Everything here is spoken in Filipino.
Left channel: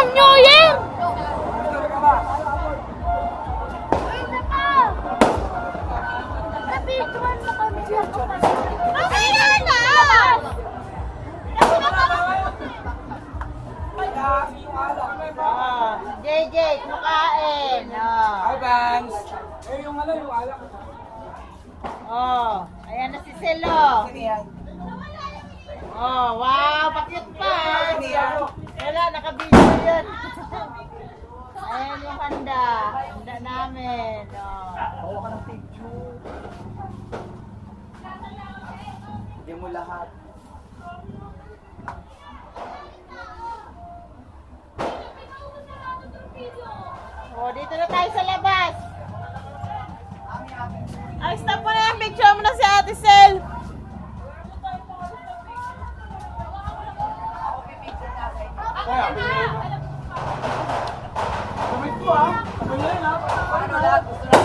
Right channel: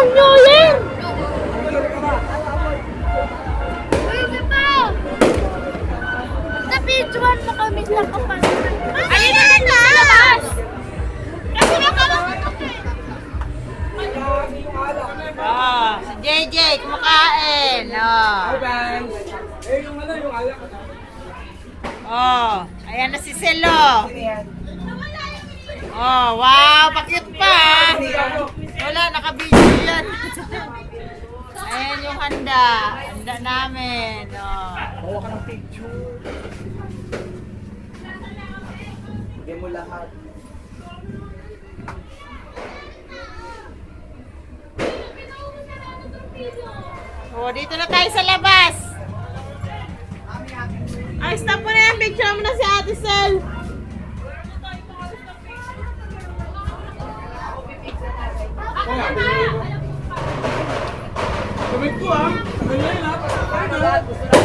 ng New Year! Pwede pa! Napidyoan mo kami sa kapal. Ayun na na! Kasi Oh, si JJ kumakain. Oh. Oh, ayan na si Selo. Oh, wow, pakit pa. Wala, nakabidyo yan. Ayan yung handa. Handa namin. Oh. Bawa ka ng picture. Bigyan mo lahat. Oh, dito na tayo sa labas. Ay, stop mo na yan. Picture mo na si Ate Sel. Tumig ko ah. Ganyan ah.